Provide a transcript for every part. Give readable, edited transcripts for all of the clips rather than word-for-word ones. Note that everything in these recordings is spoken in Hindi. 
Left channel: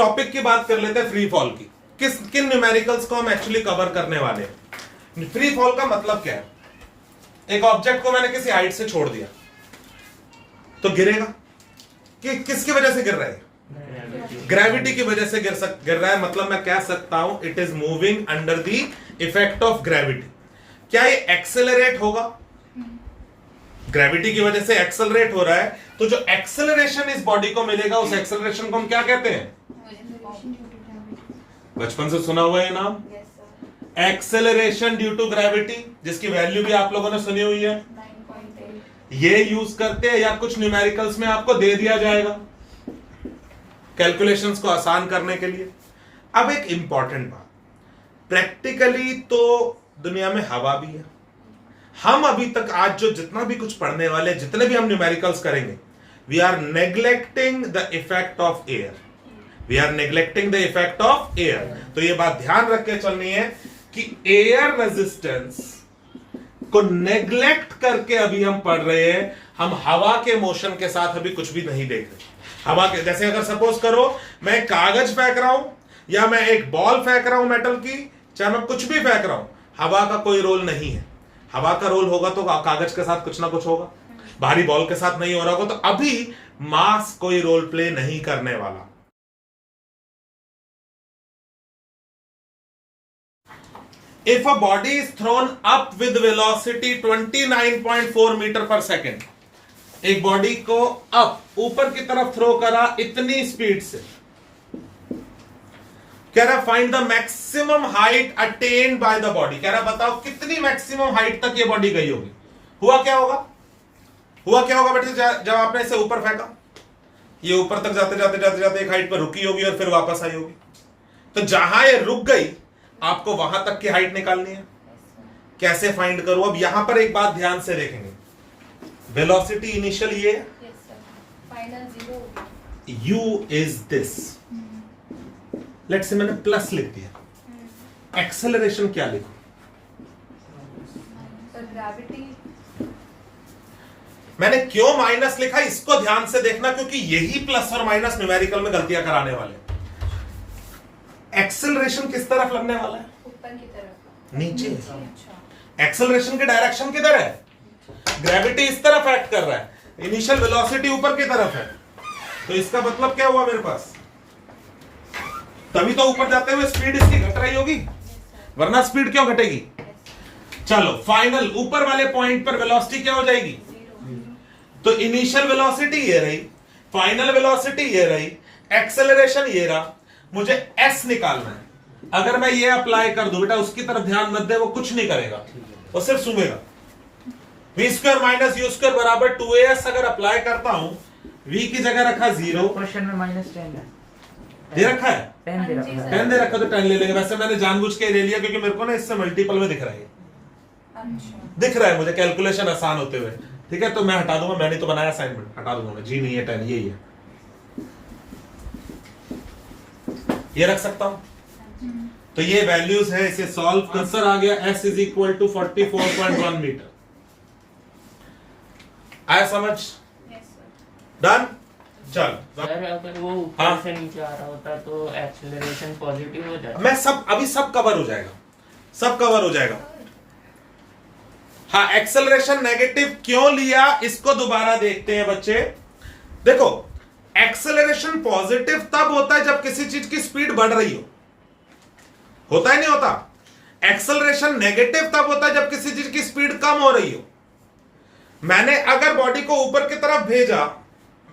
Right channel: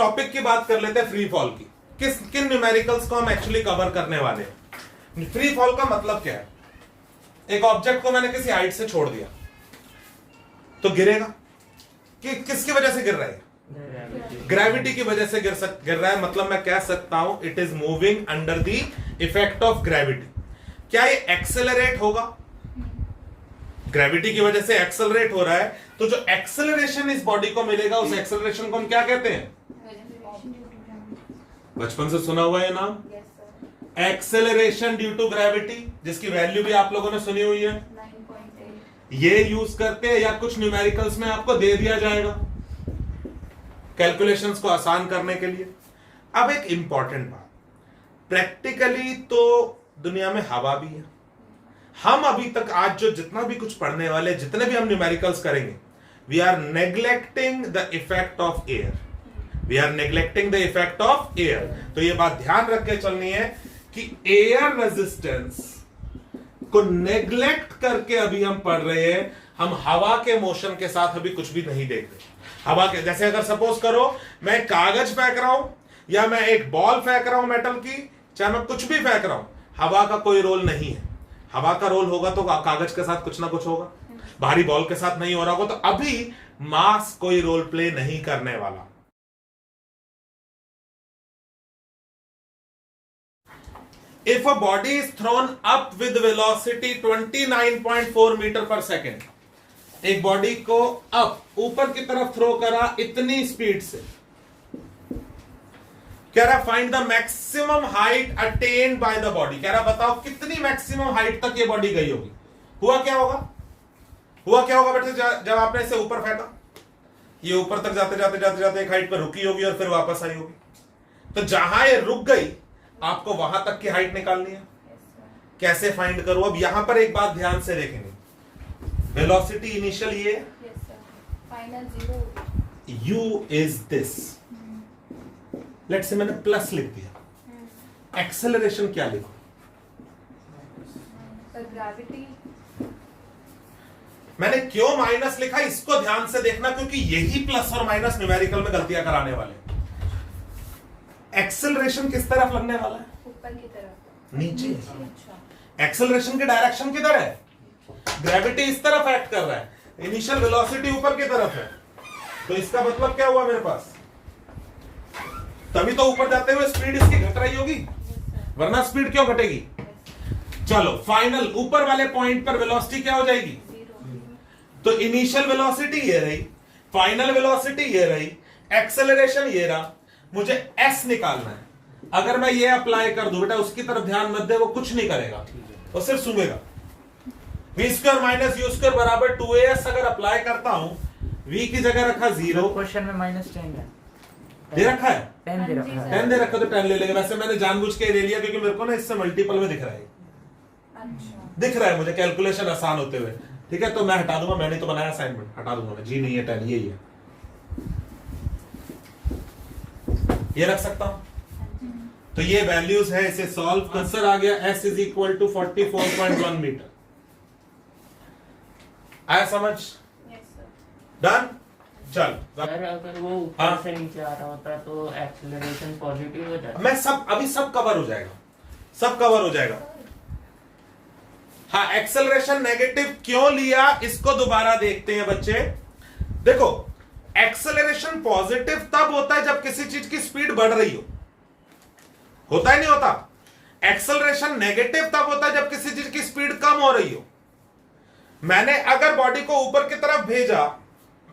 टॉपिक की बात कर लेते हैं, फ्री फॉल की। किन न्यूमेरिकल्स को हम एक्चुअली कवर करने वाले हैं। फ्री फॉल का मतलब क्या है? एक ऑब्जेक्ट को मैंने किसी हाइट से छोड़ दिया तो गिरेगा। किसकी वजह से गिर रहा है? ग्रेविटी की वजह से गिर रहा है। मतलब मैं कह सकता हूं it is moving under the effect of gravity. क्या ये एक्सेलरेट होगा? ग्रेविटी की वजह से एक्सेलरेट हो रहा है, तो जो एक्सेलरेशन इस बॉडी को मिलेगा उस एक्सेलरेशन को हम क्या कहते हैं? बचपन से सुना हुआ है नाम, एक्सेलरेशन ड्यू टू ग्रेविटी, जिसकी वैल्यू भी आप लोगों ने सुनी हुई है। 9.8 ये यूज करते हैं या कुछ न्यूमेरिकल्स में आपको दे दिया जाएगा कैलकुलेशंस को आसान करने के लिए। अब एक इंपॉर्टेंट बात, प्रैक्टिकली तो दुनिया में हवा भी है। हम अभी तक आज जो जितना भी कुछ पढ़ने वाले, जितने भी हम न्यूमेरिकल्स करेंगे, we are neglecting the effect of air. We are neglecting the effect of air. तो ये बात ध्यान रख के चलनी है कि एयर रेजिस्टेंस को नेग्लेक्ट करके अभी हम पढ़ रहे हैं। हम हवा के मोशन के साथ अभी कुछ भी नहीं देख रहे। हवा के जैसे अगर सपोज करो मैं कागज फेंक रहा हूं या मैं एक बॉल फेंक रहा हूं मेटल की, चाहे मैं कुछ भी फेंक रहा हूं, हवा का कोई रोल नहीं है। हवा का रोल होगा तो कागज के साथ कुछ ना कुछ होगा, भारी बॉल के साथ नहीं हो रहा होगा। तो अभी मास कोई रोल प्ले नहीं करने वाला। If a body is thrown up with velocity 29.4 metre पर सेकेंड, एक बॉडी को अप ऊपर की तरफ थ्रो करा इतनी स्पीड से, कह रहा find the maximum height attend by the body. कह रहा बताओ कितनी मैक्सिमम हाइट तक ये बॉडी गई होगी। हुआ क्या होगा? हुआ क्या होगा बेटे? जब आपने इसे ऊपर फेंका, ये ऊपर तक जाते जाते जाते जाते एक हाइट पर रुकी होगी और फिर वापस आई होगी। तो जहां ये रुक गई आपको वहां तक की हाइट निकालनी है। कैसे फाइंड करूं? अब यहां पर एक बात ध्यान से देखेंगे, वेलोसिटी इनिशियल ये, final 0, u is this. Let's say मैंने प्लस लिख दिया, एक्सेलरेशन क्या लिखूं? ग्रेविटी। मैंने क्यों माइनस लिखा इसको ध्यान से देखना, क्योंकि यही प्लस और माइनस न्यूमेरिकल में गलतियां कराने वाले। एक्सेलरेशन किस तरफ लगने वाला है? ऊपर की तरफ, नीचे। अच्छा। एक्सेलरेशन की डायरेक्शन किधर है? ग्रेविटी इस तरफ एक्ट कर रहा है, इनिशियल वेलोसिटी ऊपर की तरफ है। तो इसका मतलब क्या हुआ मेरे पास? तभी तो ऊपर जाते हुए स्पीड इसकी घट रही होगी, वरना स्पीड क्यों घटेगी? चलो फाइनल ऊपर वाले पॉइंट पर वेलोसिटी क्या हो जाएगी? तो इनिशियल वेलोसिटी ये रही, फाइनल वेलोसिटी ये रही, एक्सेलरेशन ये रहा। मुझे एस निकालना है। अगर मैं ये अप्लाई कर दूं, बेटा उसकी तरफ ध्यान मत दे, वो कुछ नहीं करेगा, वो सिर्फ सूंघेगा। V square minus U square बराबर 2as अगर अप्लाई करता हूं, v की जगह रखा 0, क्वेश्चन में -10 है, दे रखा है 10 दे रखा है। 10 दे रखा तो 10 ले लेगा। वैसे मैंने जानबूझ के ले लिया क्योंकि मेरे को ना इससे मल्टीपल में दिख रहा है, दिख रहा है मुझे कैलकुलेशन आसान होते हुए। ठीक है, तो मैं हटा दूंगा, मैंने तो बनाया असाइनमेंट, हटा दूंगा मैं। जी नहीं है 10, यही है, ये रख सकता हूं। तो ये वैल्यूज है, इसे सॉल्व आंसर आ गया s is equal to 44.1 metre. आया समझ? डन। चल सर अगर वो ऊपर से नीचे आ रहा होता है तो एक्सेलरेशन पॉजिटिव हो जाता है। मैं सब अभी सब कवर हो जाएगा, सब कवर हो जाएगा। हाँ, एक्सेलरेशन नेगेटिव क्यों लिया इसको दोबारा देखते हैं बच्चे। देखो एक्सेलरेशन पॉजिटिव तब होता है जब किसी चीज की स्पीड बढ़ रही हो, होता है नहीं होता? एक्सेलरेशन नेगेटिव तब होता है जब किसी चीज की स्पीड कम हो रही हो। मैंने अगर बॉडी को ऊपर की तरफ भेजा,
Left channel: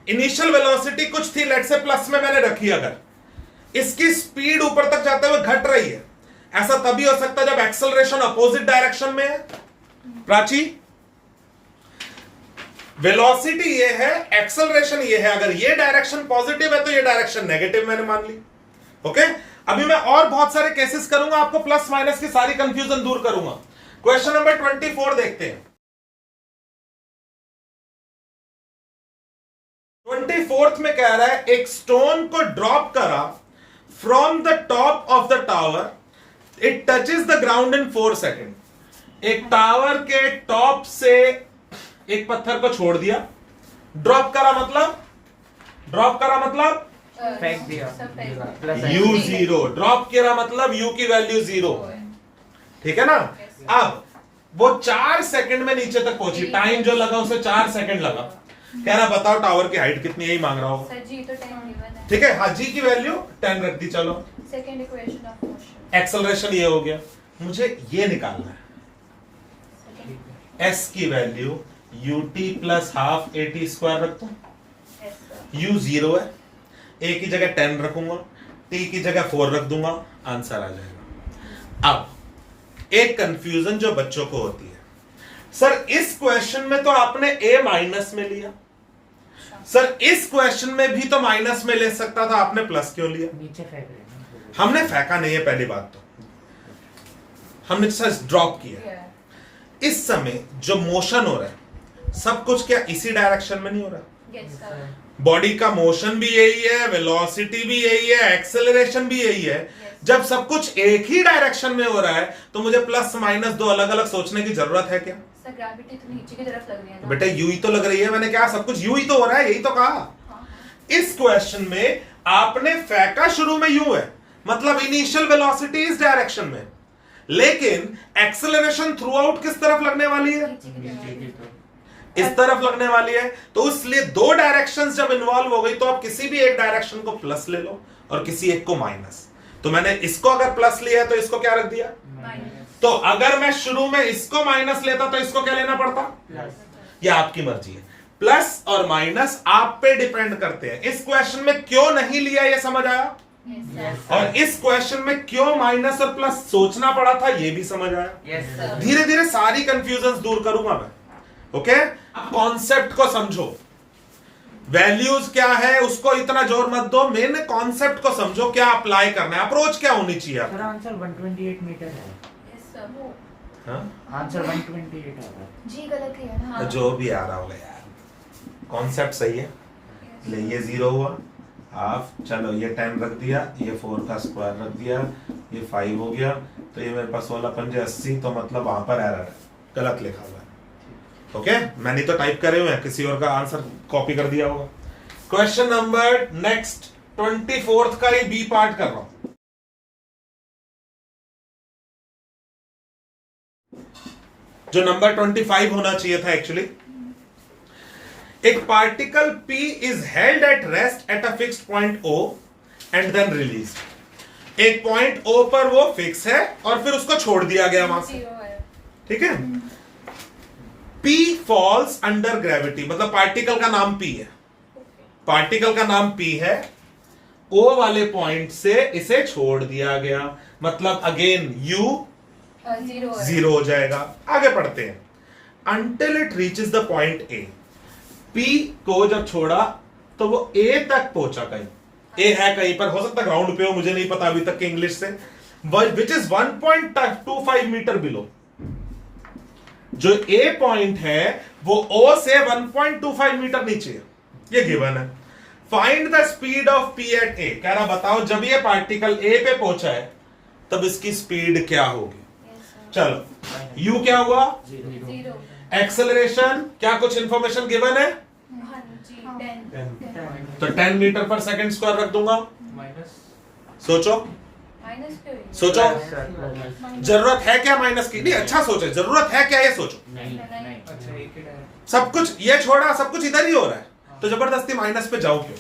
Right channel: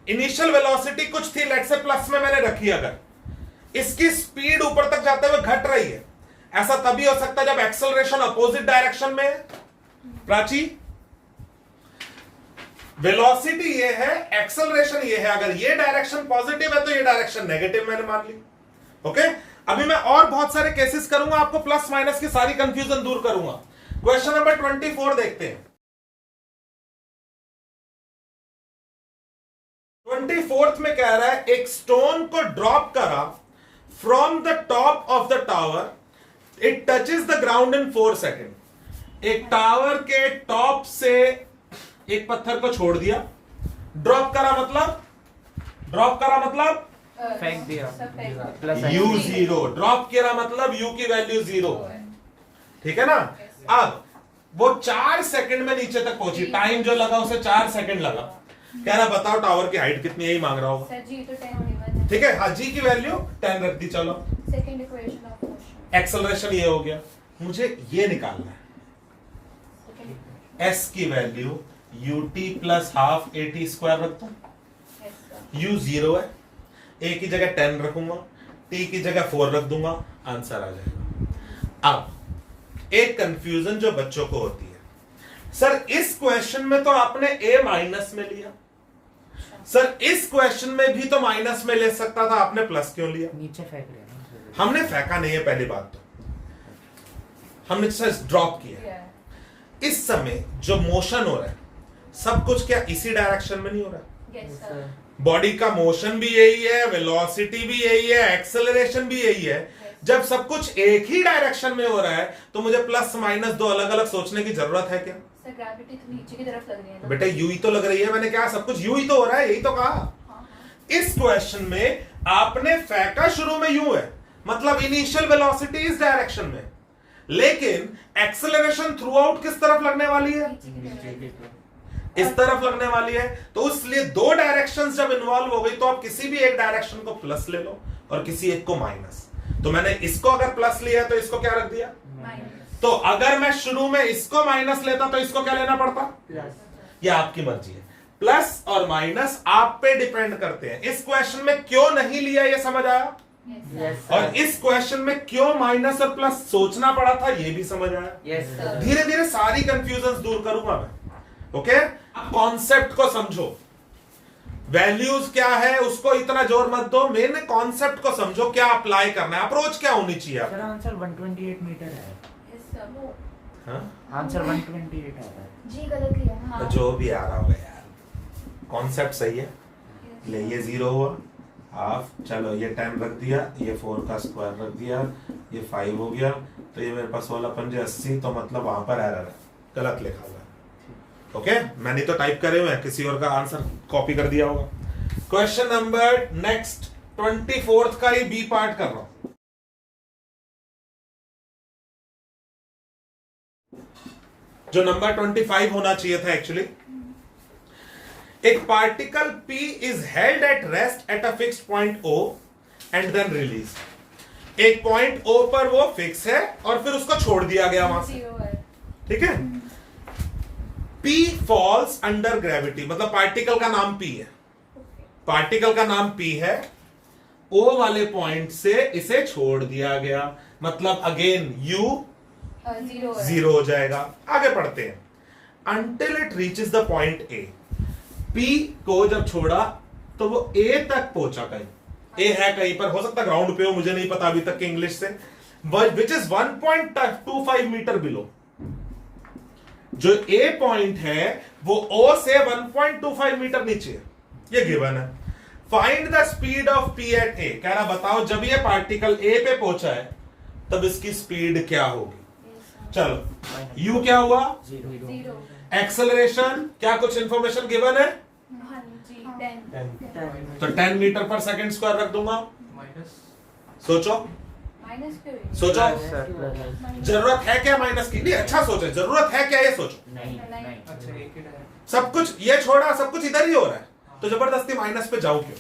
इनिशियल वेलोसिटी कुछ थी, लेट्स से प्लस में मैंने रखी, अगर इसकी स्पीड ऊपर तक जाते हुए घट रही है, ऐसा तभी हो सकता है जब एक्सेलरेशन अपोजिट डायरेक्शन में है। प्राची, वेलोसिटी ये है, एक्सेलरेशन ये है। अगर ये डायरेक्शन पॉजिटिव है तो ये डायरेक्शन नेगेटिव मैंने मान ली। ओके, अभी मैं और बहुत सारे केसेस करूंगा, आपको प्लस माइनस की सारी कंफ्यूजन दूर करूंगा। क्वेश्चन नंबर 24 देखते हैं। 24th में कह रहा है एक स्टोन को ड्रॉप करा from the top of the tower, it touches the ground in 4 second. एक टावर के टॉप से एक पत्थर को छोड़ दिया, ड्रॉप करा मतलब फेंक दिया सब फेंक दिया। प्लस u जीरो ड्रॉप किया मतलब u की वैल्यू जीरो, ठीक है ना। अब वो 4 सेकंड में नीचे तक पहुंची, टाइम जो लगा उसे 4 सेकंड लगा। कह रहा बताओ टावर की हाइट कितनी है, यही मांग रहा होगा। सर जी तो 10 गिवन है। ठीक है, हाँ जी की वैल्यू 10 रख दी। चलो second equation of motion. Acceleration ये हो गया, मुझे ये निकालना है s की value ut plus half at square रख दूं। u जीरो है, a की जगह 10 रखूंगा, t की जगह 4 रख दूंगा, आंसर आ जाएगा। अब एक कंफ्यूजन जो बच्चों को होती है, सर इस क्वेश्चन में तो आपने a माइनस में लिया, सर इस क्वेश्चन में भी तो माइनस में ले सकता था, आपने प्लस क्यों लिया? नीचे फेंक रहे हैं। हमने फेंका नहीं है, पहली बात तो हमने सर ड्रॉप किया। इस समय जो मोशन हो रहा है सब कुछ क्या इसी डायरेक्शन में नहीं हो रहा? Yes sir. बॉडी का मोशन भी यही है, वेलोसिटी भी यही है, एक्सेलरेशन भी यही है। जब सब कुछ एक ही डायरेक्शन में हो रहा है तो मुझे प्लस माइनस दो अलग अलग सोचने की जरूरत है क्या? सर ग्रेविटी तो नीचे की तरफ लग रही है ना। बेटा यू ही तो लग रही है, मैंने क्या सब कुछ यू ही तो हो रहा है, यही तो कहा। हाँ। इस क्वेश्चन में आपने फेंका शुरू में यू है, मतलब इनिशियल वेलोसिटी इस डायरेक्शन में, लेकिन एक्सेलरेशन थ्रू आउट किस तरफ लगने वाली है? नीचे की तरफ। इस तरफ लगने वाली है। तो इसलिए दो डायरेक्शंस जब इन्वॉल्व हो गई तो आप किसी भी एक डायरेक्शन को प्लस ले लो और किसी एक को माइनस। तो मैंने इसको अगर प्लस लिया तो इसको क्या रख दिया? माइनस। तो अगर मैं शुरू में इसको माइनस लेता तो इसको क्या लेना पड़ता? प्लस। ये आपकी मर्जी है, प्लस और माइनस आप पे डिपेंड करते हैं। इस क्वेश्चन में क्यों नहीं लिया ये समझ आया, यस और इस क्वेश्चन में क्यों माइनस और प्लस सोचना पड़ा था ये भी समझ आया। Yes sir. धीरे धीरे सारी कंफ्यूजन दूर करूंगा मैं। ओके, कॉन्सेप्ट को समझो, वैल्यूज क्या है उसको इतना जोर मत दो, मेन कॉन्सेप्ट को समझो, क्या अप्लाई करना है, अप्रोच क्या होनी चाहिए सर आंसर 128 मीटर है। Yes sir. वो आंसर 128 आ रहा है। जी गलत ही है। हाँ। जो भी आ रहा होगा यार, कॉन्सेप्ट सही है। ले ये 0 हुआ हाफ, चलो ये 10 रख दिया, ये 4 का स्क्वायर रख दिया, ये 5 हो गया, तो ये मेरे पास 16 पंजे 80, तो मतलब वहां पर एरर है, गलत लिखा हुआ है। ओके, मैंने तो टाइप करे हुए हैं, किसी और का आंसर कॉपी कर दिया होगा। क्वेश्चन नंबर नेक्स्ट 24th का ही बी पार्ट कर रहा हूं। जो नंबर 25 होना चाहिए था एक्चुअली। एक particle P is held at rest at a fixed point O and then released। एक पॉइंट O पर वो फिक्स है और फिर उसको छोड़ दिया गया वहां से, 0 है। ठीक है। P falls under gravity, मतलब पार्टिकल का नाम P है, पार्टिकल का नाम P है, O वाले पॉइंट से इसे छोड़ दिया गया, मतलब अगेन U 0 है। 0 हो जाएगा। आगे पढ़ते हैं। Until it reaches the point A, P को जब छोड़ा तो वो A तक पहुंचा, कहीं A है कहीं पर, हो सकता ग्राउंड पे हो, मुझे नहीं पता अभी तक के इंग्लिश से, विच इज 1.25 मीटर बिलो। जो A पॉइंट है वो O से 1.25 मीटर नीचे है, ये गिवन है। Find the speed of P at A। कह रहा बताओ जब ये पार्टिकल A पे पहुंचा है तब इसकी स्पीड क्या होगी। चलो U क्या हुआ? 0। एक्सेलरेशन क्या कुछ इंफॉर्मेशन गिवन है? हाँ जी 10। तो 10 मीटर पर सेकंड स्क्वायर रख दूंगा। माइनस। सोचो माइनस क्यों है? सोचो, प्लस। जरूरत है क्या माइनस की? नहीं, अच्छा सोचो, जरूरत है क्या ये सोचो। नहीं नहीं। नहीं। अच्छा एक ही डायरेक्शन। सब कुछ ये छोड़ा, सब कुछ इधर ही हो रहा है, तो जबरदस्ती माइनस पे जाओ क्यों?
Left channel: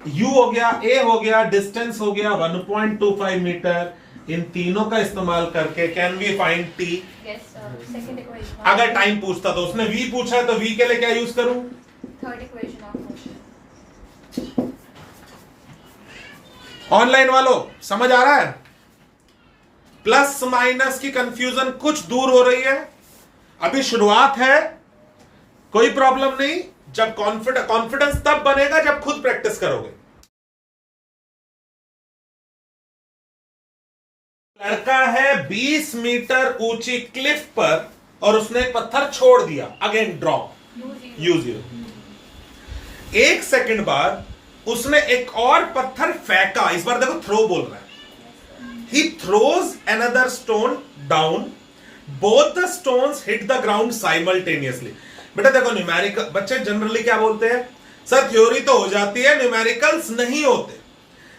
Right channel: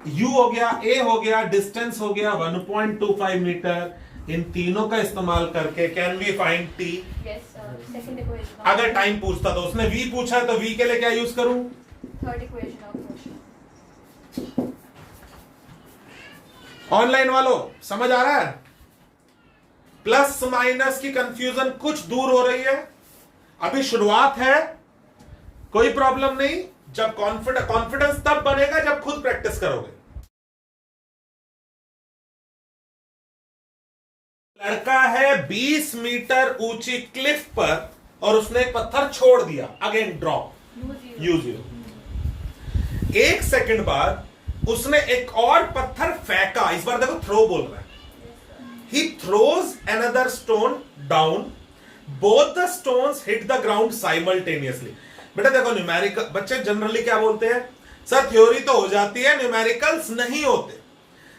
U हो गया, A हो गया, डिस्टेंस हो गया 1.25 मीटर, इन तीनों का इस्तेमाल करके can we find T। Yes sir. Second equation. अगर टाइम पूछता तो उसने V पूछा है, तो V के लिए क्या यूज करूं? Third equation of motion. Online वालों समझ आ रहा है? प्लस माइनस की कंफ्यूजन कुछ दूर हो रही है, अभी शुरुआत है, कोई प्रॉब्लम नहीं। जब कॉन्फिडेंस तब बनेगा जब खुद प्रैक्टिस करोगे। लड़का है 20 मीटर ऊंची क्लिफ पर और उसने एक पत्थर छोड़ दिया, अगेन ड्रॉप U0। 1 सेकंड बाद उसने एक और पत्थर फेंका, इस बार देखो थ्रो बोल रहा है। He throws another stone down, both the stones hit the ground simultaneously। बेटा देखो न्यूमेरिकल बच्चे जनरली क्या बोलते हैं, सर थ्योरी तो हो जाती है, न्यूमेरिकल्स नहीं होते।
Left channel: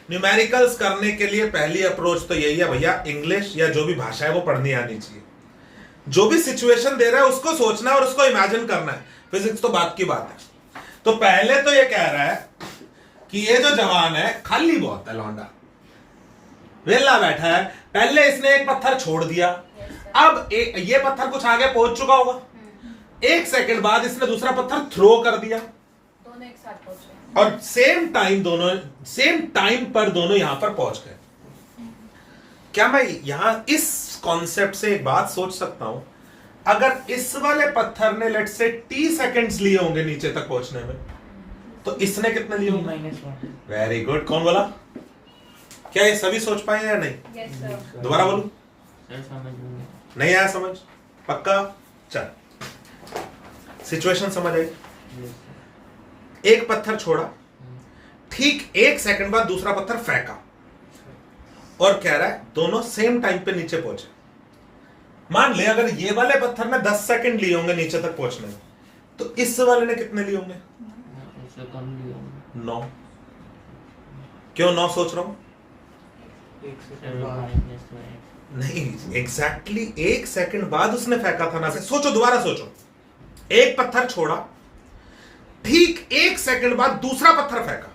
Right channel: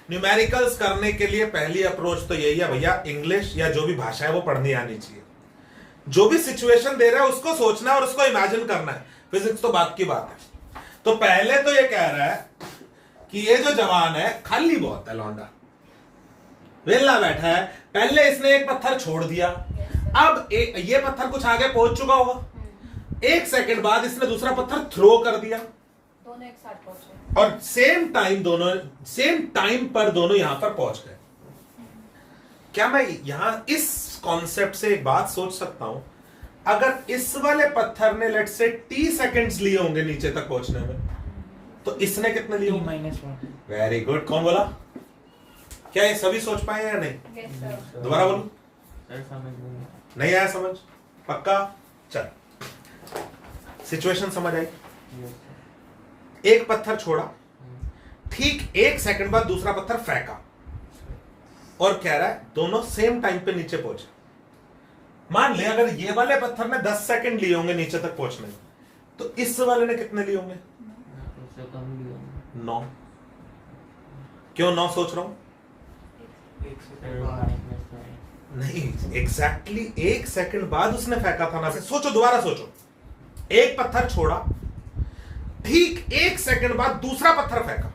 न्यूमेरिकल्स करने के लिए पहली अप्रोच तो यही है भैया, इंग्लिश या जो भी भाषा है वो पढ़नी आनी चाहिए। जो भी सिचुएशन दे रहा है उसको सोचना है और उसको इमेजिन करना है। फिजिक्स तो बात की बात है। तो पहले तो ये कह रहा है कि ये जो जवान है खाली बहुत है, लौंडा वेला बैठा है। पहले इसने एक पत्थर छोड़ दिया, अब ये पत्थर कुछ आगे पहुंच चुका होगा, 1 सेकंड बाद इसने दूसरा पत्थर थ्रो कर दिया, दोनों एक साथ पहुंचे और सेम टाइम पर दोनों यहां पर पहुंच गए। क्या मैं यहां इस कॉन्सेप्ट से एक बात सोच सकता हूं, अगर इस वाले पत्थर ने लेट से t सेकंड्स लिए होंगे नीचे तक पहुंचने में, तो इसने कितने लिए होंगे? Very good. कौन बोला? क्या ये सभी सोच पाए या नहीं? Yes sir. दोबारा बोलूं? नहीं आया समझ? पक्का? चल, सिचुएशन समझ आई? एक पत्थर छोड़ा, ठीक 1 सेकंड बाद दूसरा पत्थर फेंका, और कह रहा है दोनों सेम टाइम पे नीचे पहुंचे। मान ले अगर ये वाले पत्थर ने 10 सेकंड लिए होंगे नीचे तक पहुंचने में, तो इस वाले ने कितने लिए होंगे? 9। क्यों 9 सोच रहा हूं? नहीं, एग्जैक्टली 1 सेकंड बाद उसने फेंका था ना। सोचो, दोबारा सोचो, एक पत्थर छोड़ा, ठीक 1 सेकंड बाद दूसरा पत्थर फेंका,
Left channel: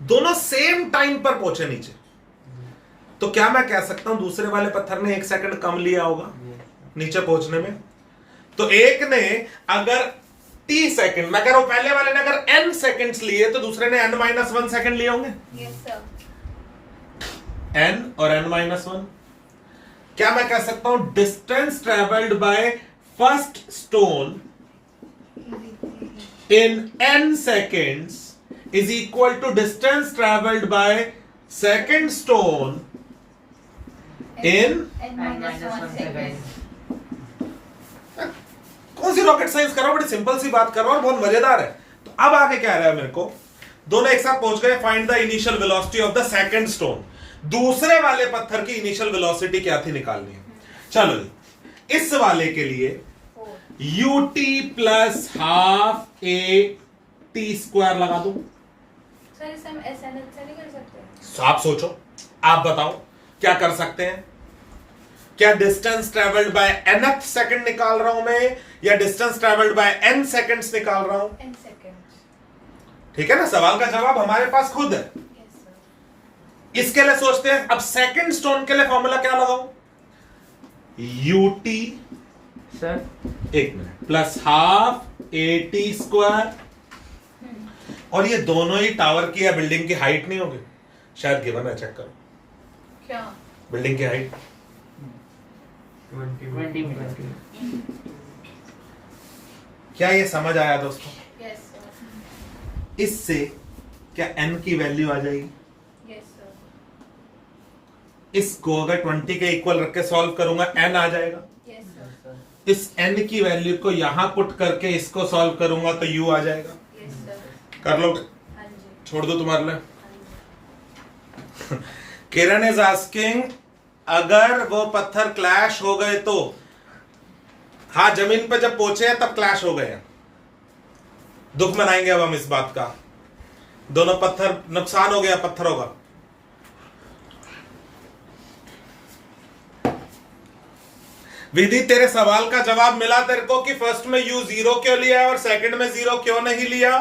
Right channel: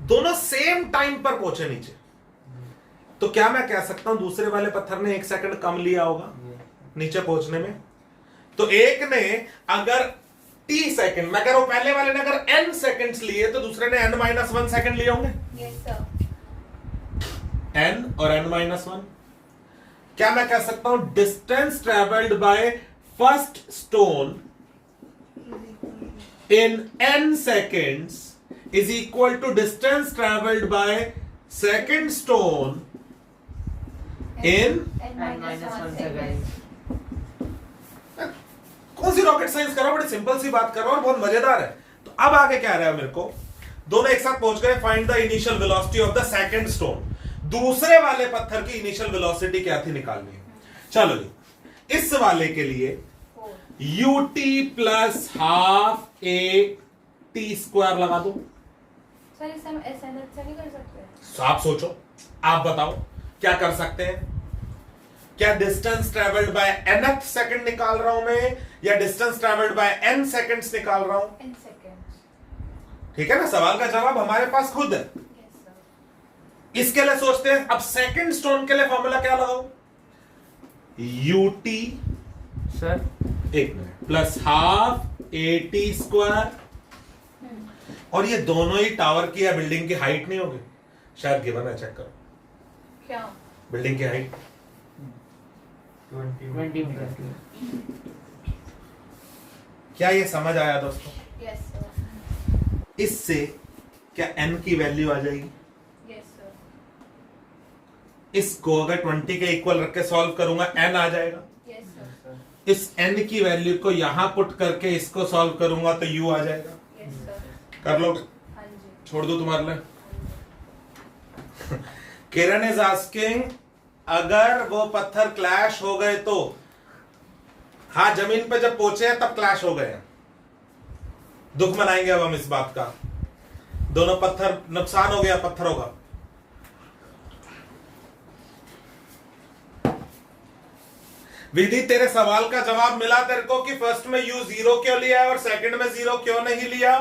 दोनों सेम टाइम पर पहुंचे नीचे। तो क्या मैं कह सकता हूं दूसरे वाले पत्थर ने 1 सेकंड कम लिया होगा नीचे पहुंचने में? तो एक ने अगर t सेकंड, मैं कह रहा हूं पहले वाले ने अगर n सेकंड्स लिए, तो दूसरे ने n-1 सेकंड लिए होंगे। Yes sir. n और n-1। क्या मैं कह सकता हूं distance travelled by first stone in n seconds is equal to distance traveled by second stone in n-1 second. कौन सी रॉकेट साइंस कर रहा हूं, बड़ी सिंपल सी बात कर रहा हूं और बहुत मजेदार है। तो अब आगे क्या रहा है मेरे को, दोनों एक साथ पहुंच गए, find the initial velocity of the second stone. दूसरे वाले पत्थर की इनिशियल वेलोसिटी क्या थी निकालनी है। चलो जी, इस वाले के लिए ut plus half a t square लगा दो। सर इसे हम SN से नहीं कर सकते? आप सोचो, आप बताओ क्या कर सकते हैं? क्या distance travelled by nth second निकाल रहा हूं मैं, या distance travelled by n seconds निकाल रहा हूं? n second. ठीक है ना, सवाल का जवाब हमारे पास खुद है। Yes sir. इसके लिए सोचते हैं, अब सेकंड स्टोन के लिए फॉर्मूला क्या लगाऊं? ut sir 1 minute plus half at square, और ये दोनों ही टावर की या बिल्डिंग की हाइट नहीं होगी? शायद गिवन है, चेक करो। क्या? बिल्डिंग की हाइट 20 क्या ये समझ आया दोस्तों? Yes sir. इससे क्या n की वैल्यू आ जाएगी? Yes sir. इसको अगर 20 के इक्वल रख के सॉल्व करूंगा n आ जाएगा। Yes sir. इस n की वैल्यू को यहां पुट करके इसको सॉल्व करूंगा तो u आ जाएगा। Yes sir. कर लोगे? हाँ जी। छोड़ दो तुम्हारे लिए। हाँ जी। किरण इज आस्किंग, अगर वो पत्थर क्लैश हो गए तो? हाँ, जमीन पे जब पहुंचे हैं तब क्लैश हो गए हैं। दुख मनाएंगे अब हम इस बात का, दोनों पत्थर, नुकसान हो गया पत्थरों का। विधि, तेरे सवाल का जवाब मिला तेरे को कि फर्स्ट में u 0 क्यों लिया और सेकंड में 0 क्यों नहीं लिया?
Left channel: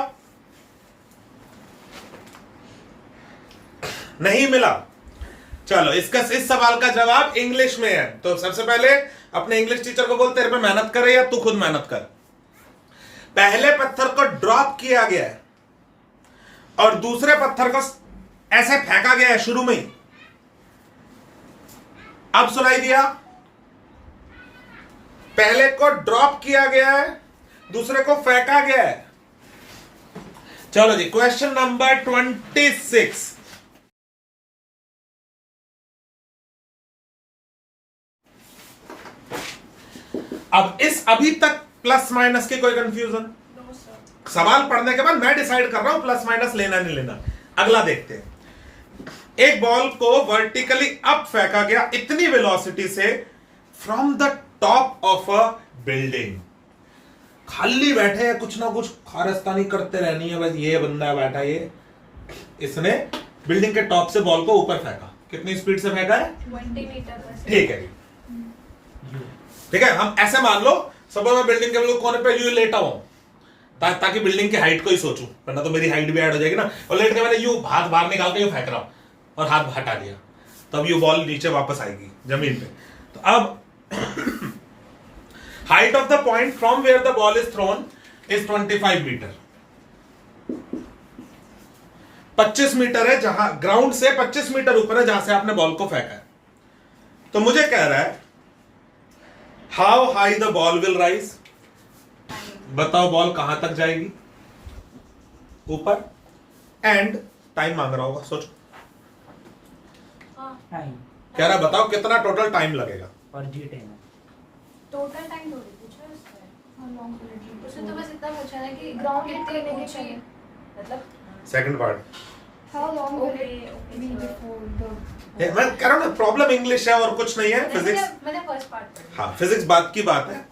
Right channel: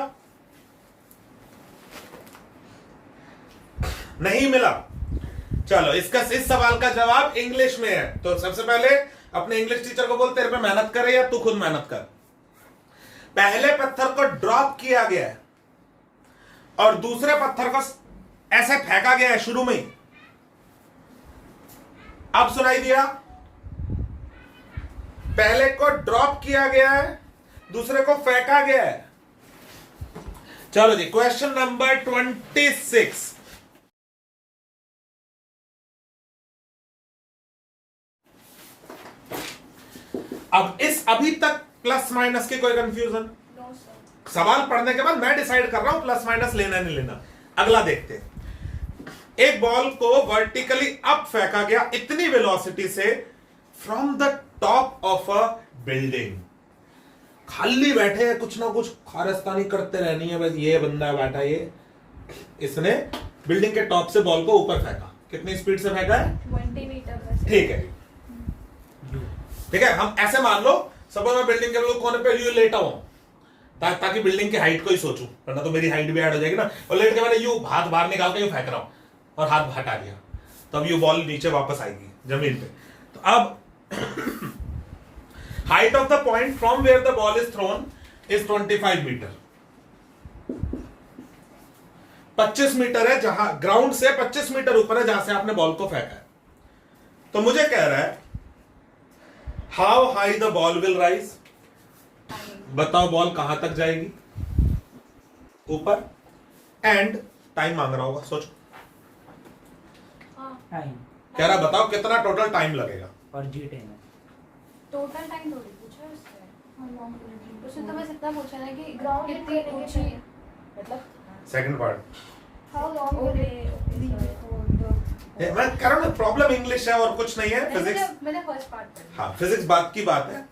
नहीं मिला। चलो, इस सवाल का जवाब इंग्लिश में है। तो सबसे पहले अपने इंग्लिश टीचर को बोल तेरे पे मेहनत करे या तू खुद मेहनत कर। पहले पत्थर को ड्रॉप किया गया है और दूसरे पत्थर को ऐसे फेंका गया है शुरू में ही। अब सुनाई दिया? पहले को ड्रॉप किया गया है, दूसरे को फेंका गया है। चलो जी, क्वेश्चन नंबर 26। अब इस अभी तक प्लस माइनस की कोई कंफ्यूजन? No sir. सवाल पढ़ने के बाद मैं डिसाइड कर रहा हूं प्लस माइनस लेना नहीं लेना। अगला देखते हैं। एक बॉल को वर्टिकली अप फेंका गया इतनी वेलोसिटी से from the top of a building. खाली बैठे हैं, कुछ ना कुछ खारस्तानी करते रहनी है बस। ये बंदा बैठा ये, इसने बिल्डिंग के टॉप से बॉल को ऊपर फेंका। कितनी स्पीड से फेंका है? 20 मीटर पर ठीक है, ठीक है। हम ऐसे मान लो सपोज मैं बिल्डिंग के बिल्कुल कोने पे यूं लेटा हूं, ताकि बिल्डिंग की हाइट को ही सोचूं, वरना तो मेरी हाइट भी ऐड हो जाएगी ना। और लेट के मैंने यूं हाथ बाहर निकाल के यूं फेंक रहा हूं और हाथ हटा दिया, तो अब ये बॉल नीचे वापस आएगी जमीन पे। तो अब height of the point from where the ball is thrown is 25 metre. 25 metre है, जहां ग्राउंड से 25 मीटर ऊपर है जहां से आपने बॉल को फेंका है। तो मुझे कह रहा है how high the ball will rise. बताओ बॉल कहां तक जाएगी? ऊपर। एंड टाइम मांग रहा होगा, सोचो। टाइम कह रहा बताओ कितना टोटल टाइम लगेगा। और जी टाइम टोटल टाइम थोड़ी पूछा है उसने। उसने तो बस इतना पूछा है कि ग्राउंड कितनी ऊंची, मतलब second part how long will it be before मैं कह रहा हूं प्रॉब्लम इंग्लिश है और कुछ नहीं है, फिजिक्स। मैंने फर्स्ट पार्ट पढ़ी। हाँ, फिजिक्स बात की बात है।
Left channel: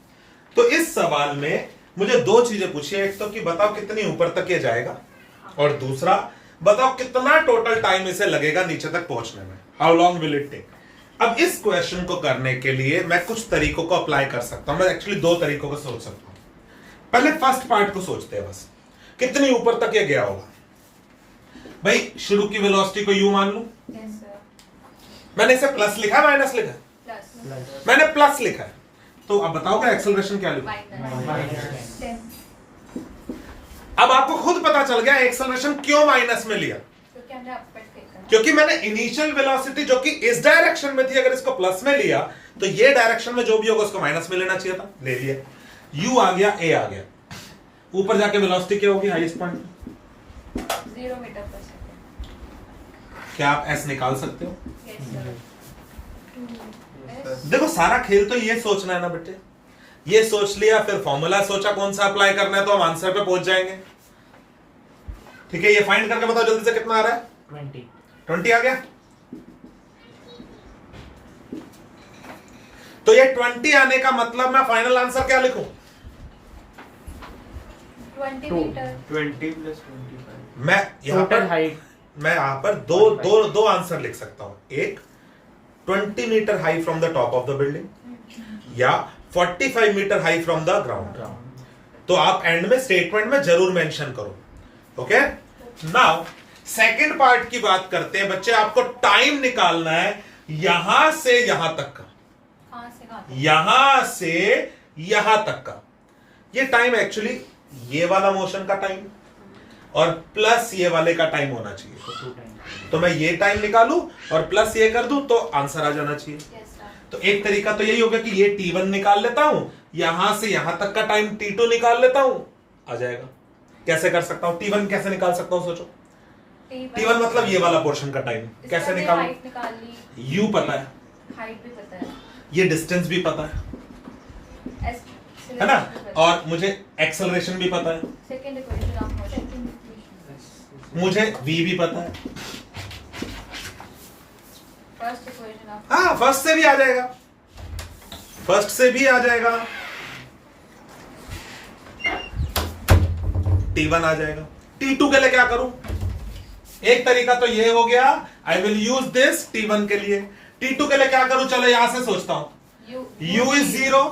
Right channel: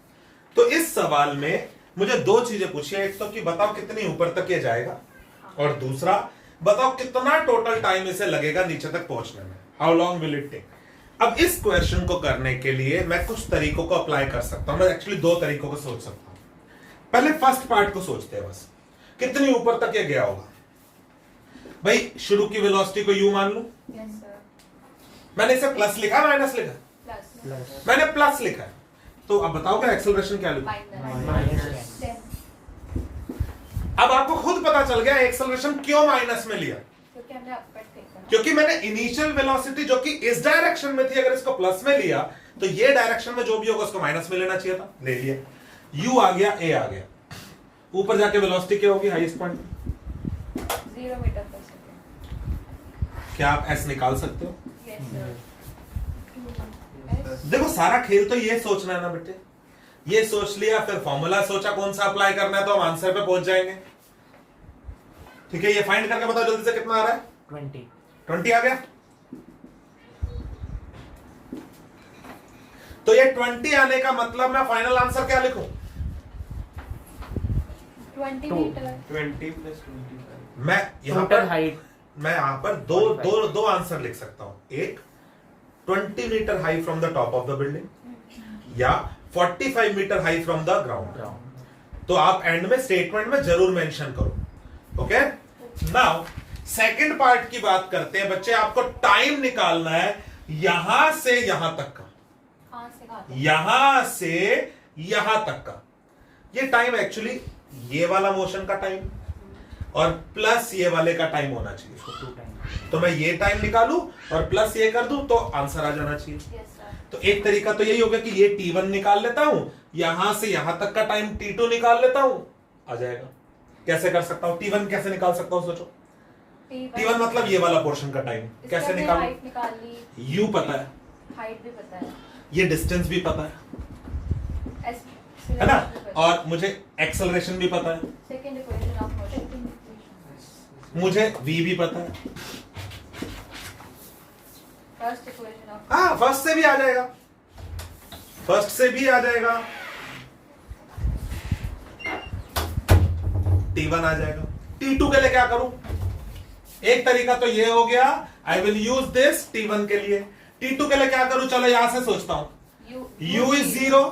तो इस सवाल में मुझे दो चीजें पूछी है, एक तो कि बताओ कितनी ऊपर तक ये जाएगा, और दूसरा बताओ कितना टोटल टाइम इसे लगेगा नीचे तक पहुंचने में। How long will it take. अब इस क्वेश्चन को करने के लिए मैं कुछ तरीकों को अप्लाई कर सकता हूं। मैं एक्चुअली दो तरीकों को सोच सकता हूं। पहले फर्स्ट पार्ट को सोचते हैं, बस कितनी ऊपर तक ये गया होगा। भाई शुरू की वेलोसिटी को यू मान लूं। Yes sir. मैंने इसे प्लस लिखा माइनस लिखा? प्लस मैंने प्लस लिखा है। तो अब बताओगे एक्सेलरेशन क्या लिखूं? माइनस 10 अब आपको खुद पता चल गया एक्सेलरेशन क्यों माइनस में लिया। क्योंकि हमने अपर देखा ना। क्योंकि मैंने इनिशियल वेलोसिटी जो कि इस डायरेक्शन में थी, अगर इसको प्लस में लिया तो ये डायरेक्शन में जो भी होगा उसको माइनस में लेना चाहिए था, ले लिया। यू आ गया, ए आ गया। ऊपर जाके वेलोसिटी क्या होगी हाईएस्ट पॉइंट? 0 मीटर पर सेकंड। क्या आप एस निकाल सकते हो? Yes sir. देखो सारा खेल तो ये सोचना है ना बेटे। ये सोच लिया, फिर फॉर्मूला सोचा कौन सा अप्लाई करना है, तो हम आंसर पे पहुंच जाएंगे। ठीक है, ये फाइंड करके बताओ जल्दी से कितना आ रहा है? 20 आ गया। तो ये 20 आने का मतलब मैं फाइनल आंसर क्या लिखूं? 20 मीटर 20 + 25 मैं यहां पर हाइट मैं यहां पर दो आंसर लिख सकता हूं। एक 20 metre high from the top of the building, या 45 metre high from the ground. तो आप एंड में स्टेटमेंट में जरूर मेंशन करो। ओके, नाउ सेकंड पार्ट की बात करते हैं बच्चे। आपको टाइम निकालना है यहां से यहां तक का, कहां से कहां तक? यहां से यहां तक का। ये टाइम एक्चुअली ये वाला मोशन का टाइम और प्लस ये वाले का टाइम होना चाहिए। तो मैं ये टाइम निकालूं और प्लस ये कर दूं तो आंसर आ जाना चाहिए। Yes sir. तो एक तरीका तो यही होगा कि ये T1 निकाल लेता हूं, यहां से यहां तक का टाइम T2 निकाल लेता हूं, आ जाएगा। कैसे कर सकता हूं? T1 कैसे निकाल सकता हूं? सोचो। T1 मतलब ये वाला पोर्शन का टाइम कैसे निकालूं? हाइट निकाल ली, U पता है, हाइट भी पता है, ये डिस्टेंस भी पता है ना, और मुझे एक्सेलरेशन भी पता है, सेकंड इक्वेशन ऑफ मोशन। मुझे V भी पता है। फर्स्ट इक्वेशन ऑफ हाँ, फर्स्ट से भी आ जाएगा, फर्स्ट से भी आ जाएगा। T1 आ जाएगा। T2 के लिए क्या करूं? एक तरीका तो ये हो गया, I will use this T1 के लिए। T2 के लिए क्या करूं? चलो यहां से सोचता हूं। U इज 0,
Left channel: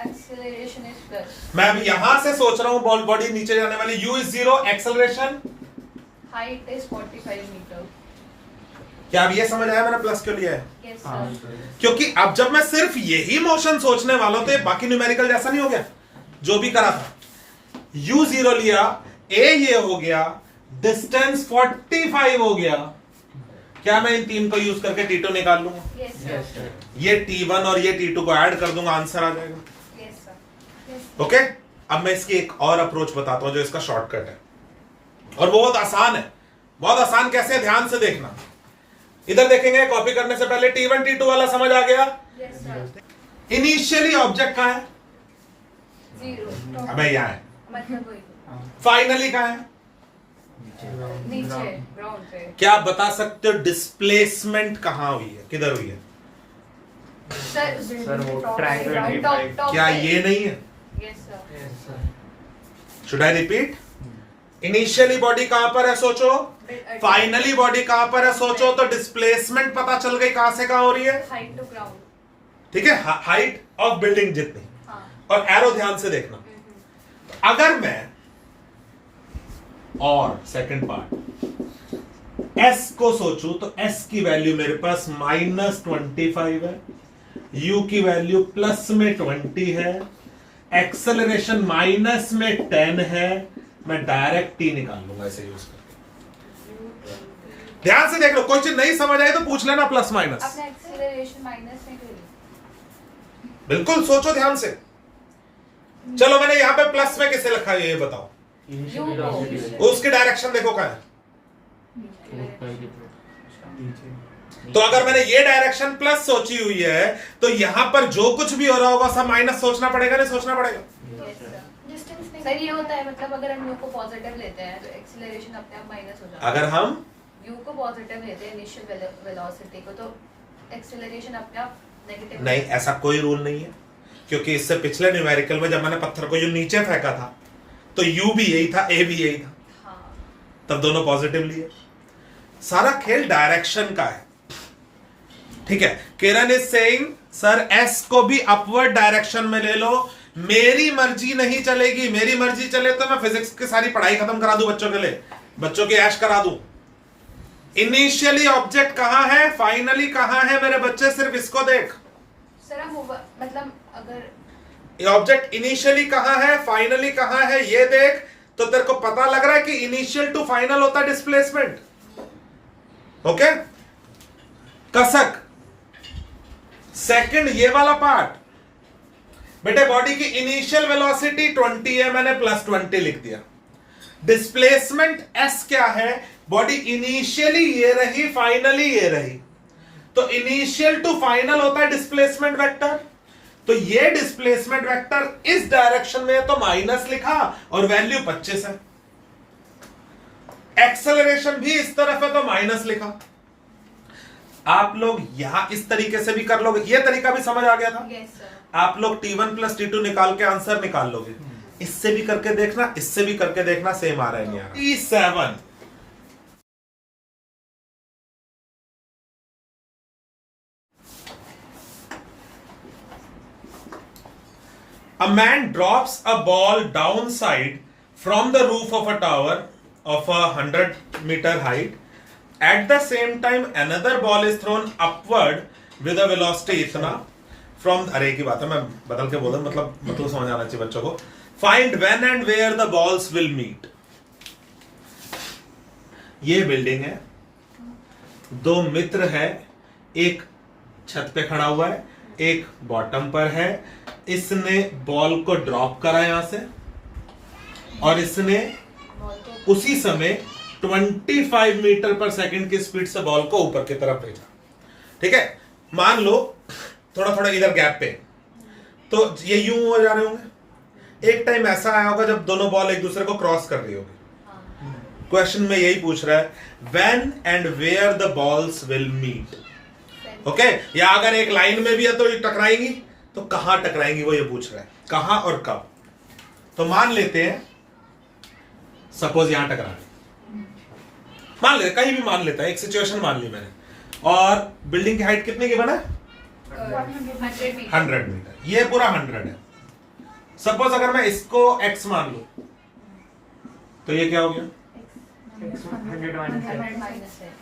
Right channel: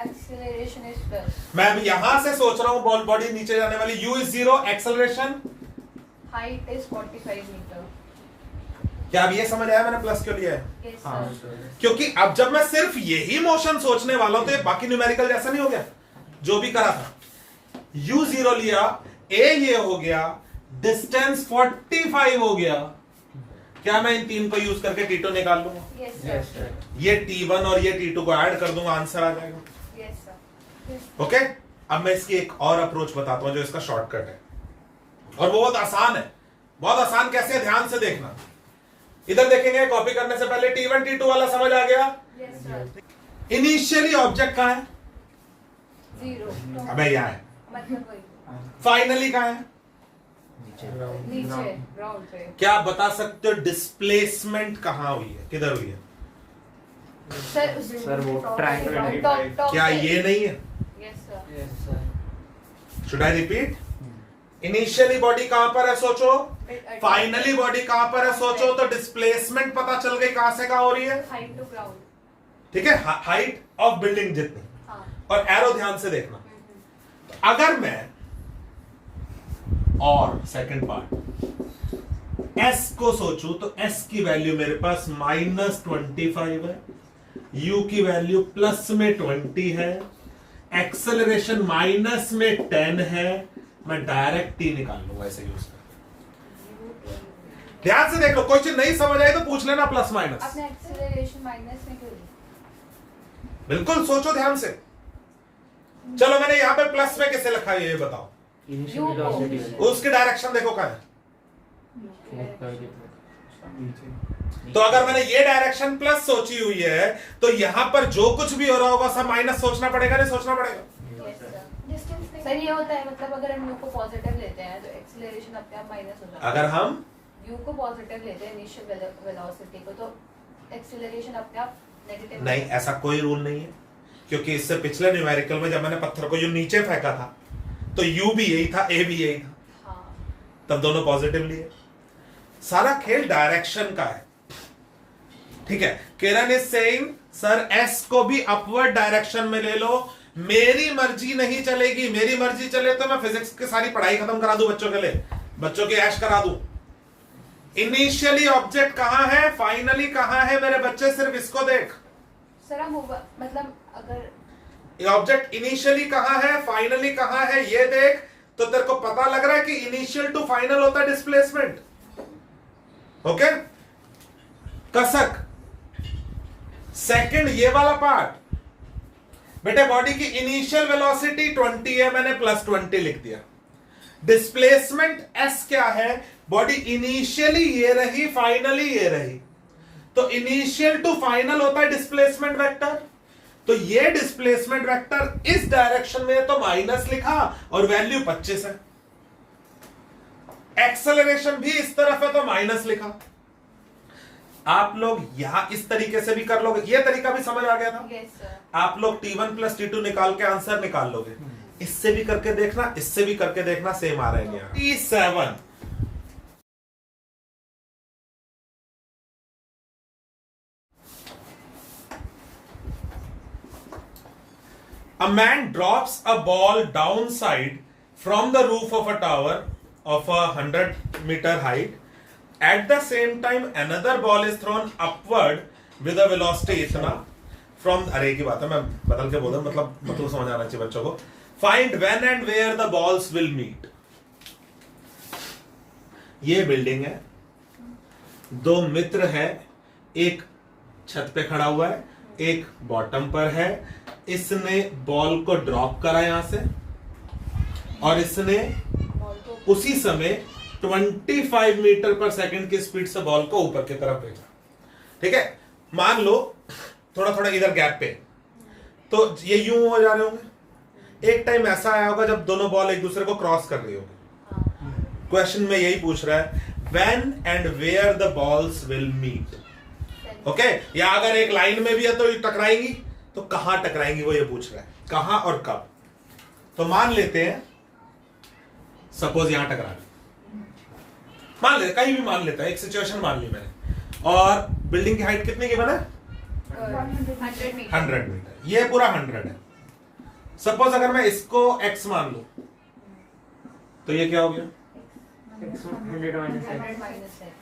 एक्सेलरेशन इज 10, मैं अभी यहां से सोच रहा हूं बॉडी नीचे जाने वाली। U is 0, acceleration height is 45 metre. क्या अब ये समझ आया मैंने प्लस क्यों लिया है? Yes sir. क्योंकि अब जब मैं सिर्फ यही मोशन सोचने वाला हूं तो ये बाकी न्यूमेरिकल जैसा नहीं हो गया जो भी करा था। U0 लिया, A ये हो गया, डिस्टेंस 45 हो गया। क्या मैं इन तीन को यूज करके T2 निकाल लूंगा? Yes sir. ये T1 और ये T2 को ऐड कर दूंगा, आंसर आ जाएगा। Yes sir. ओके, अब मैं इसकी एक और अप्रोच बताता हूं जो इसका शॉर्टकट है, और वो बहुत आसान है। बहुत आसान कैसे? ध्यान से देखना। इधर देखेंगे, कॉपी करने से पहले T1 T2 वाला समझ आ गया। Yes sir. इनिशियली ऑब्जेक्ट कहां है? 0 अबे यहां है। मतलब वही फाइनली कहां है? नीचे ग्राउंड पे। क्या आप बता सकते हो डिस्प्लेसमेंट कहां हुई है, किधर हुई है? सर वो track 25 क्या ये नहीं है? Yes, sir. Yes, sir. Should I repeat? Initially body कहां पर है सोचो, फाइनली बॉडी कहां पर है सोचो, तो डिस्प्लेसमेंट पता चल गई कहां से कहां हो रही है, Height to ground. ठीक है, हाइट ऑफ बिल्डिंग जितनी, हाँ. और एरो ध्यान से देखना। तो अगर मैं और सेकंड पार्ट एस को सोचूं तो एस की वैल्यू मेरे पास -25 है, यू की वैल्यू प्लस में 20 है, एक्सेलरेशन माइनस में 10 है, मैं डायरेक्ट टी निकाल लूंगा ऐसे यूज करके। ध्यान से देख लो, कोई चीज नहीं समझ आई तो पूछ लेना प्लस माइनस। अपने एक्सेलरेशन माइनस में क्यों लिया? बिल्कुल सोचो ध्यान से। चलो मैंने यहां पे प्लस में किसे लिखा है ये बताओ, इनिशियल U को। वेलोसिटी उसकी डायरेक्शन देखो क्या है। नीचे। तो अगर मैंने ये डायरेक्शन प्लस सोची हुई है तो यहां पर जो कुछ भी हो रहा होगा सब माइनस सोचना पड़ेगा, नहीं सोचना पड़ेगा? Yes, sir. सर ये होता है, मतलब अगर हम U को पॉजिटिव लेते हैं तो एक्सेलरेशन अपने आप माइनस हो जाता है। अगर हम U को पॉजिटिव लेते हैं इनिशियल वेलोसिटी को, तो एक्सेलरेशन अपने आप नेगेटिव नहीं, ऐसा कोई रूल नहीं है, क्योंकि इससे पिछले न्यूमेरिकल में जब मैंने पत्थर को यूं नीचे फेंका था तो यू भी यही था, ए भी यही था, हाँ. तब दोनों पॉजिटिव लिए। सारा खेल डायरेक्शन का है, ठीक है। किरण इज सेइंग सर एस को भी अपवर्ड डायरेक्शन में ले लो, मेरी मर्जी नहीं चलेगी, मेरी मर्जी चले तो मैं फिजिक्स की सारी पढ़ाई खत्म करा दूं बच्चों के लिए, बच्चों की ऐश करा दूं। इनिशियली ऑब्जेक्ट कहां है, फाइनली कहां है, मेरे बच्चे सिर्फ इसको देख। सर हम मतलब अगर ये ऑब्जेक्ट इनिशियली कहां है, फाइनली कहां है, ये देख, तो तेरे को पता लग रहा है कि इनिशियल टू फाइनल होता है डिस्प्लेसमेंट। ओके, कसक सेकंड ये वाला पार्ट, बेटे बॉडी की इनिशियल वेलोसिटी 20 है, मैंने +20 लिख दिया। डिस्प्लेसमेंट एस क्या है, बॉडी इनिशियली ये रही, फाइनली ये रही, तो इनिशियल टू फाइनल होता है डिस्प्लेसमेंट वेक्टर। तो ये डिस्प्लेसमेंट वेक्टर इस डायरेक्शन में है तो माइनस लिखा और वैल्यू 25 है। एक्सेलरेशन भी इस तरफ है तो माइनस लिखा। आप लोग यहां इस तरीके से भी कर लोगे, ये तरीका भी समझ आ गया था। yes, sir. आप लोग T1 + T2 निकाल के आंसर निकाल लोगे, इससे भी करके देखना, इससे भी करके देखना, सेम आ रहा है नहीं आ रहा। T7 a man drops a ball downside from the roof of a tower of 100-meter height. At the same time, another ball is thrown upward with a velocity इतना from, अरे की बात है, मैं बदल के बोल रहा हूं, मतलब समझ आना चाहिए बच्चों को। Find when and where the balls will meet. ये बिल्डिंग है, दो मित्र है, एक छत पे खड़ा हुआ है, एक बॉटम पर है। इसने बॉल को ड्रॉप करा यहां से और इसने उसी समय 25 मीटर पर सेकंड की स्पीड से बॉल को ऊपर की तरफ भेजा। ठीक है, मान लो थोड़ा थोड़ा इधर गैप पे, तो ये यूं हो जा रहे होंगे। एक टाइम ऐसा आया होगा जब दोनों बॉल एक दूसरे को क्रॉस कर रही होगी। क्वेश्चन में यही पूछ रहा है, when and where the balls will meet. Okay, या अगर एक लाइन में भी है तो टकराएंगी, तो कहां टकराएंगी वो ये पूछ रहा है, कहां और कब। तो मान लेते हैं सपोज यहां टकरा रहे, मान ले कहीं भी मान लेता है, एक सिचुएशन मान ली मैंने, और बिल्डिंग की हाइट कितनी की बना, 100 मीटर, ये पूरा 100 है। सपोज अगर मैं इसको x मान लू तो ये क्या हो गया, 100 माइनस है।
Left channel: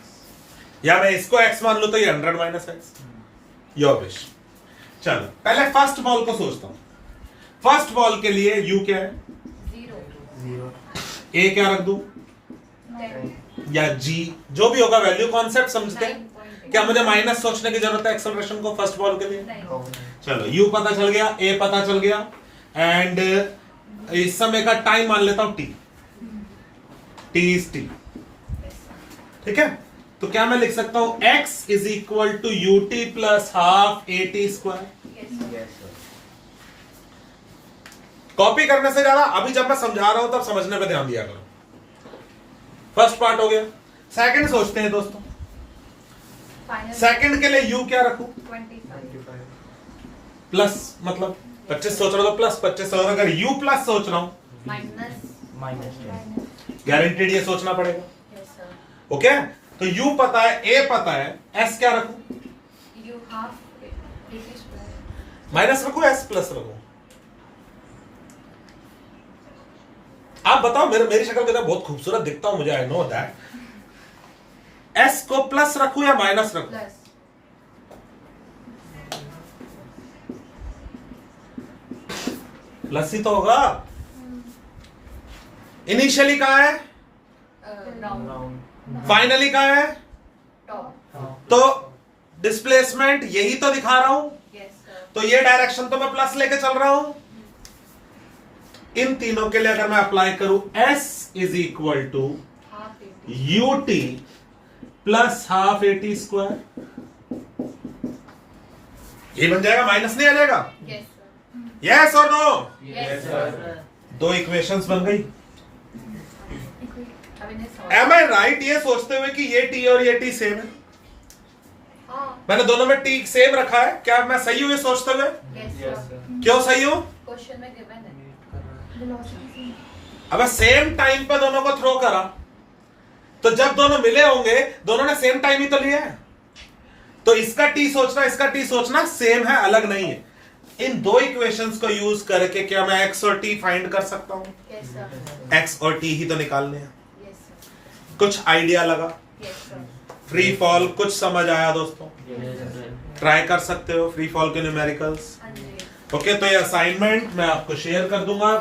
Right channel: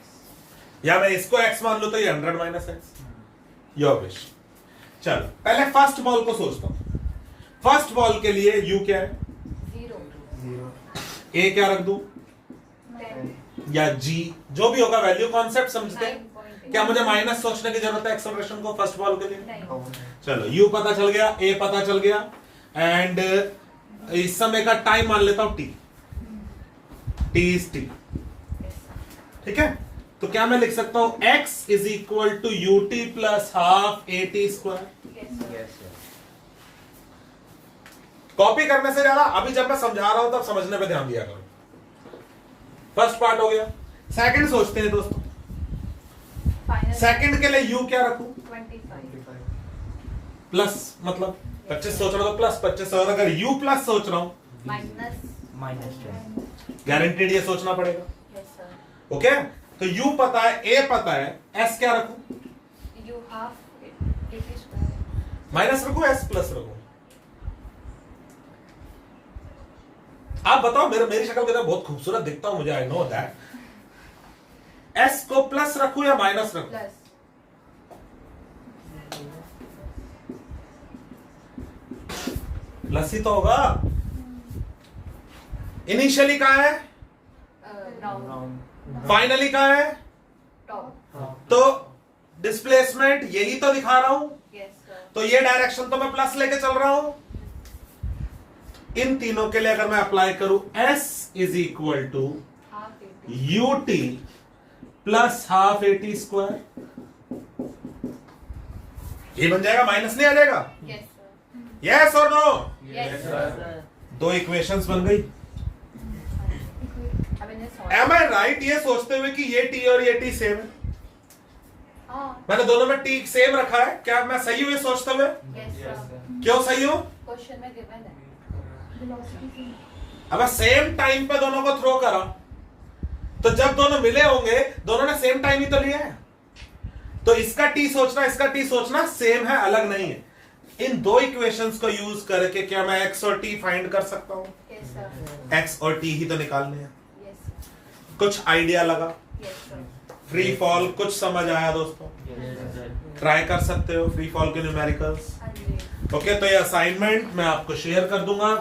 या मैं इसको x मान लू तो ये 100 - x। Your wish. चलो पहले फर्स्ट बॉल को सोचता हूं। फर्स्ट बॉल के लिए u क्या है, 0 a क्या रख दूं, 10 या g, जो भी होगा वैल्यू, कॉन्सेप्ट समझते हैं। 9.8 क्या मुझे माइनस सोचने की जरूरत है एक्सेलरेशन को फर्स्ट बॉल के लिए? नहीं। चलो u पता चल गया, a पता चल गया, एंड इस समय का टाइम मान लेता हूं t is t। ठीक है, तो क्या मैं लिख सकता हूं x = ut + ½ at²। Yes, sir. Copy करने से ज्यादा अभी जब मैं समझा रहा हूं तब समझने पे ध्यान दिया करो। फर्स्ट पार्ट हो गया। सेकंड सोचते हैं दोस्तों, फाइनल सेकंड के लिए u क्या रखूं, 25 25. प्लस मतलब 25 सोच रहा हूं तो प्लस 25, और अगर u प्लस सोच रहा हूं -10 गारंटेड ये सोचना पड़ेगा। Yes sir. ओके, तो u पता है, a पता है, s क्या रखूं? You half 80 square. माइनस रखूं s प्लस रखूं? आप बताओ, मेरी शक्ल मेरा बहुत खूबसूरत दिखता हूं मुझे, आई नो दैट। s को प्लस रखूं या माइनस रखूं? प्लस। प्लस ही तो होगा। इनिशियली कहां है, राउंड। फाइनली कहां है, टॉप। तो डिस्प्लेसमेंट यही तो दिखा रहा हूं, यस सर। तो ये डायरेक्शन तो मैं प्लस लेके चल रहा हूं। इन तीनों के लिए अगर मैं अप्लाई करूं s is equal to half 80। ut plus half 80 square, ये बन जाएगा, माइनस नहीं आ जाएगा? Yes sir. यस और नो? Yes sir. दो इक्वेशंस बन गई। अब इन्हें सॉल्व। एम आई राइट ये सोचते हुए कि ये t और ये t सेम है? हाँ। मैंने दोनों में t सेम रखा है, क्या मैं सही हूं ये सोचते हुए? Yes sir. क्यों सही हूं? क्वेश्चन में गिवन है। अब सेम टाइम पे दोनों को थ्रो करा, तो जब दोनों मिले होंगे, दोनों ने सेम टाइम ही तो लिया है, तो इसका t सोचना इसका t सोचना सेम है, अलग नहीं है। इन दो इक्वेशंस को यूज करके क्या मैं x और t फाइंड कर सकता हूं? Yes sir. x और t ही तो निकालने हैं। Yes sir. कुछ आइडिया लगा? Yes sir. फ्री फॉल कुछ समझ आया दोस्तों? ट्राई कर सकते हो फ्री फॉल के न्यूमेरिकल्स। हाँ जी। ओके, तो ये असाइनमेंट मैं आपको शेयर कर दूंगा।